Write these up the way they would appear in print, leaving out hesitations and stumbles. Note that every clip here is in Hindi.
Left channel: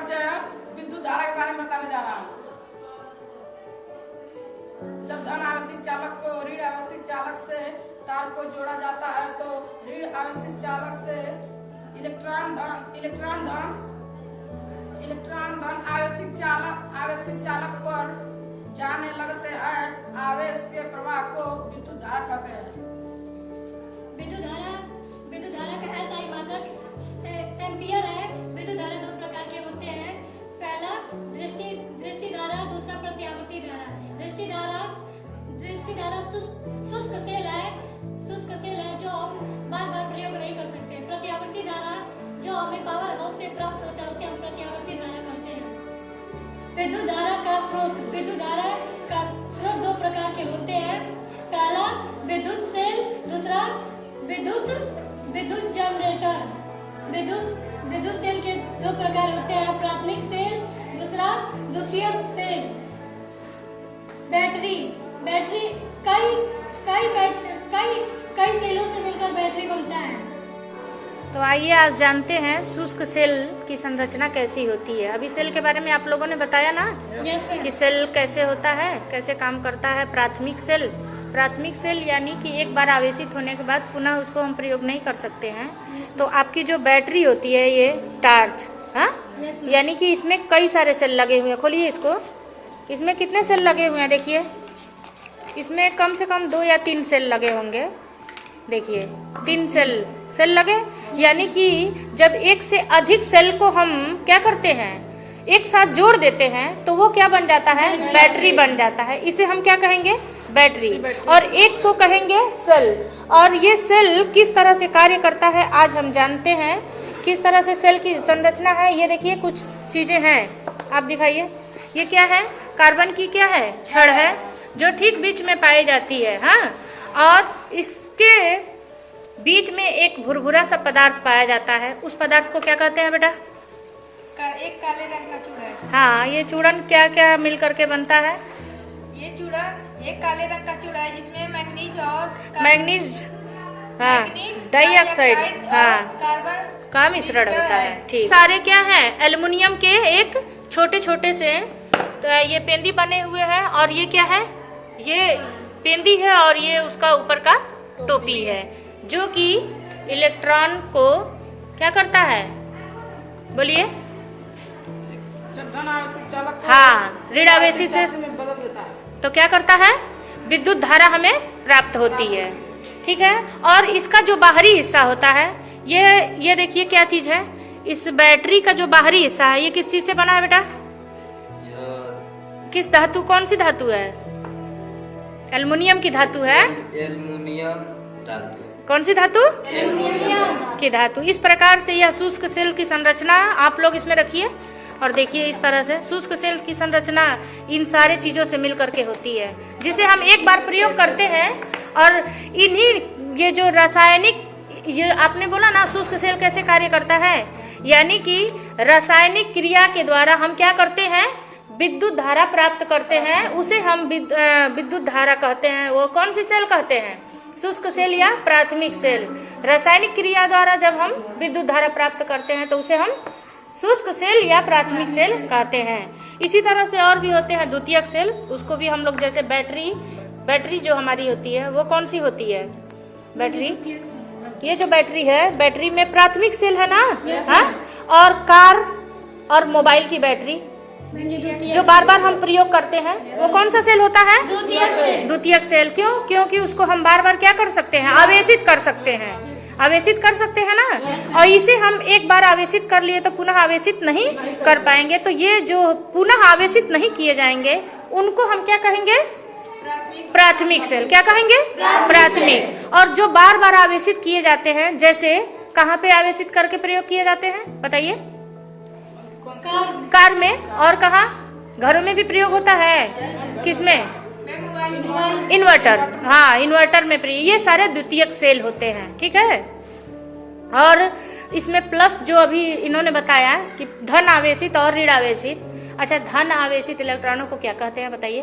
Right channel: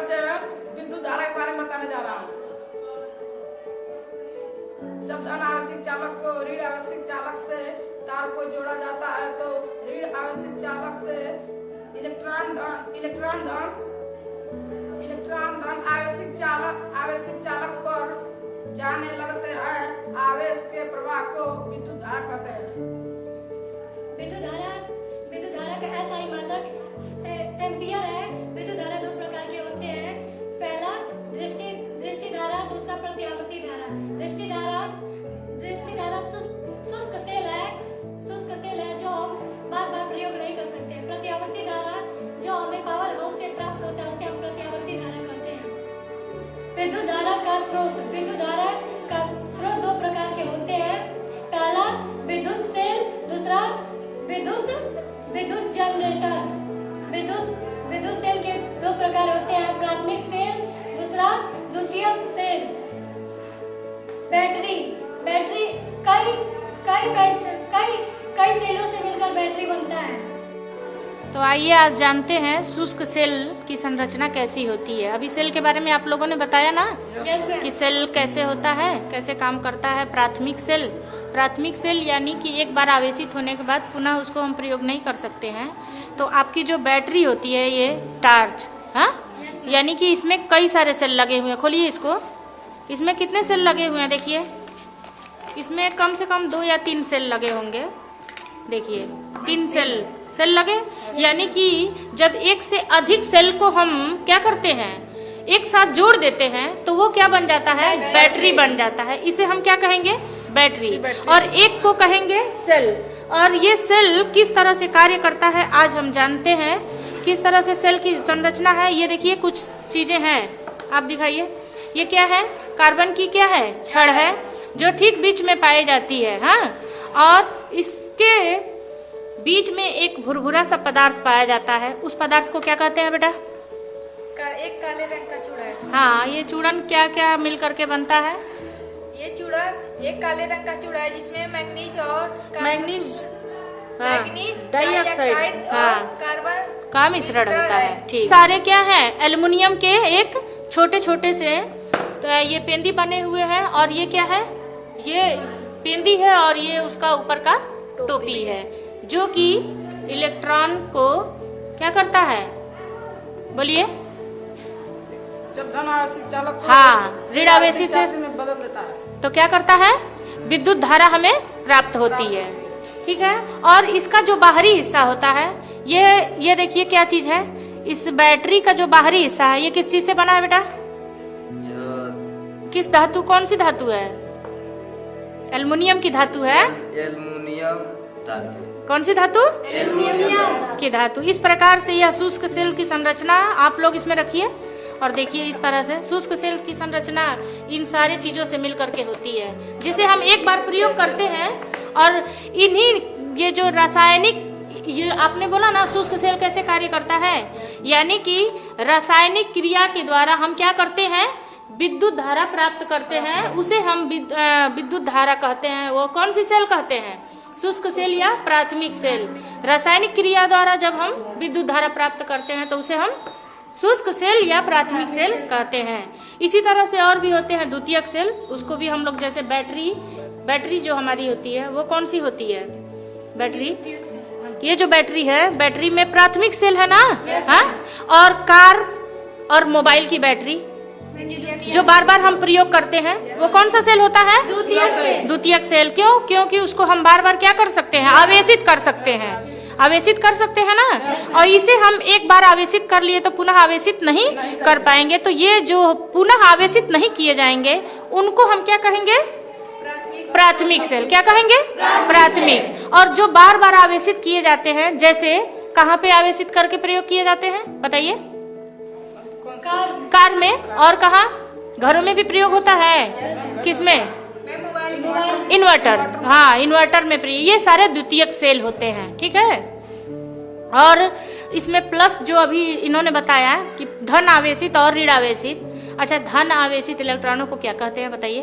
बच्चे विद्युत धारा के बारे में बताने जा रहा हूँ। जब धन आवेशित चालक को ऋण आवेशित चालक से तार को जोड़ा जाता है तो ऋण आवेशित चालक से इलेक्ट्रॉन धन आवेशित चालक पर जाने लगते हैं। आवेश के प्रवाह को विद्युत धारा कहते हैं। विद्युत धारा का SI मात्रक एम्पियर है। विद्युत धारा दो प्रकार के होते हैं। पहला दृष्टि धारा, दूसरा प्रत्यावर्ती धारा। दृष्टि धारा शुष्क सेल है जो बार बार प्रयोग नहीं कर सकते। प्रत्यावर्ती धारा जो हमें पावर हाउस से प्राप्त होता है उसे हम प्रत्यावर्ती धारा कहते हैं। विद्युत धारा का स्रोत दो प्रकार के होते हैं। पहला विद्युत सेल, दूसरा विद्युत जनरेटर। विद्युत सेल के दो प्रकार होते हैं, प्राथमिक सेल, दूसरा द्वितीयक सेल। बैटरी कई सेलों से मिलकर बैटरी बनता है। तो आइए आज जानते हैं शुष्क सेल की संरचना कैसी होती है। अभी सेल के बारे में आप लोगों ने बताया ना कि सेल कैसे होता है, कैसे काम करता है। प्राथमिक सेल यानी कि एक बार आवेशित होने के बाद पुनः उसको हम प्रयोग नहीं कर सकते हैं। तो आपकी जो बैटरी होती है ये टार्च, हाँ, यानी कि इसमें कई सारे सेल लगे हुए हैं। खोलिए इसको, इसमें कितने सेल लगे हुए हैं देखिए। इसमें कम से कम 2 या 3 सेल लगे होंगे। देखिए 3 सेल लगे, यानी कि जब एक से अधिक सेल को हम क्या करते हैं, एक साथ जोड़ देते हैं तो वो क्या बन जाता है, बैटरी बन जाता है। इसे हम क्या कहेंगे, बैटरी। और एक को कहेंगे सेल। और ये सेल किस तरह से कार्य करता है आज हम जानते हैं। किस तरह से सेल की संरचना है ये देखिए, कुछ चीजें हैं, आप दिखाइए। ये क्या है, कार्बन की क्या है, छड़ है जो ठीक बीच में पाई जाती है, हाँ। और इसके बीच में एक भुरभुरा सा पदार्थ पाया जाता है। उस पदार्थ को क्या कहते हैं बेटा, एक काले रंग का चूड़ा है। हाँ, ये चूड़न क्या क्या मिल करके बनता है। ये चूड़ा एक काले रंग का चूड़ा है जिसमें मैग्नीज डाइऑक्साइड, हाँ, कार्बन का मिश्रण होता है। ठीक, सारे क्या है, एल्युमिनियम के एक छोटे छोटे से तो ये पेंदी बने हुए हैं। और ये क्या है, ये पेंदी है और ये उसका ऊपर का टोपी है जो कि इलेक्ट्रॉन को क्या करता है, बोलिए। जब धन आवेशित चालक हाँ, ऋण आवेशित से में बदल देता है तो क्या करता है, विद्युत धारा हमें प्राप्त होती है। ठीक है। और इसका जो बाहरी हिस्सा होता है, ये देखिए क्या चीज है। इस बैटरी का जो बाहरी हिस्सा है ये किस चीज से बना है बेटा, किस धातु, कौन सी धातु है, एल्युमिनियम की धातु है। एल्युमिनियम धातु, कौन सी धातु, एल्युमिनियम की धातु। इस प्रकार से यह शुष्क सेल की संरचना आप लोग इसमें रखिए और देखिए। इस तरह से शुष्क सेल की संरचना इन सारे चीजों से मिल करके होती है, जिसे हम एक बार प्रयोग करते हैं। और इन्हीं ये जो रासायनिक, ये आपने बोला ना शुष्क सेल कैसे कार्य करता है, यानी कि रासायनिक क्रिया के द्वारा हम क्या करते हैं, विद्युत धारा प्राप्त करते हैं। उसे हम विद्युत धारा कहते हैं। वो कौन सी सेल कहते हैं, शुष्क सेल या प्राथमिक सेल। रासायनिक क्रिया द्वारा जब हम विद्युत धारा प्राप्त करते हैं तो उसे हम शुष्क सेल या प्राथमिक सेल कहते हैं। इसी तरह से और भी होते हैं द्वितीयक सेल, उसको भी हम लोग, जैसे बैटरी जो हमारी होती है वो कौन सी होती है, बैटरी। ये जो बैटरी है, बैटरी में प्राथमिक सेल है ना, हाँ। और कार और मोबाइल की बैटरी जो बार बार हम प्रयोग करते हैं वो कौन सा सेल होता है, द्वितीयक सेल। क्यों, क्योंकि उसको हम बार बार क्या कर सकते हैं, आवेशित कर सकते हैं ना। और इसे हम एक बार आवेशित कर लिए तो पुनः आवेशित नहीं कर पाएंगे। तो ये जो पुनः आवेशित नहीं किए जाएंगे उनको हम क्या कहेंगे, प्राथमिक सेल। क्या कहेंगे, प्राथमिक। और जो बार बार आवेशित किए जाते हैं, जैसे कहाँ पे आवेशित करके प्रयोग किए जाते हैं बताइए, कार में, और कहाँ, घरों में भी प्रयोग होता है। किसमें, इन्वर्टर, हाँ, इन्वर्टर में प्रयोग। ये सारे द्वितीयक सेल होते हैं। ठीक है। और इसमें प्लस जो अभी इन्होंने बताया कि धन आवेशित और ऋण आवेशित। अच्छा, धन आवेशित इलेक्ट्रॉनों को क्या कहते हैं बताइए।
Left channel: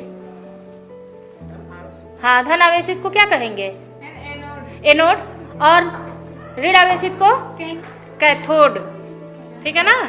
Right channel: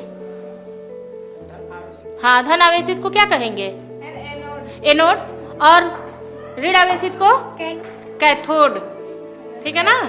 हाँ, धन आवेशित को क्या कहेंगे, एनोड। और ऋण आवेशित को कैथोड। ठीक है ना।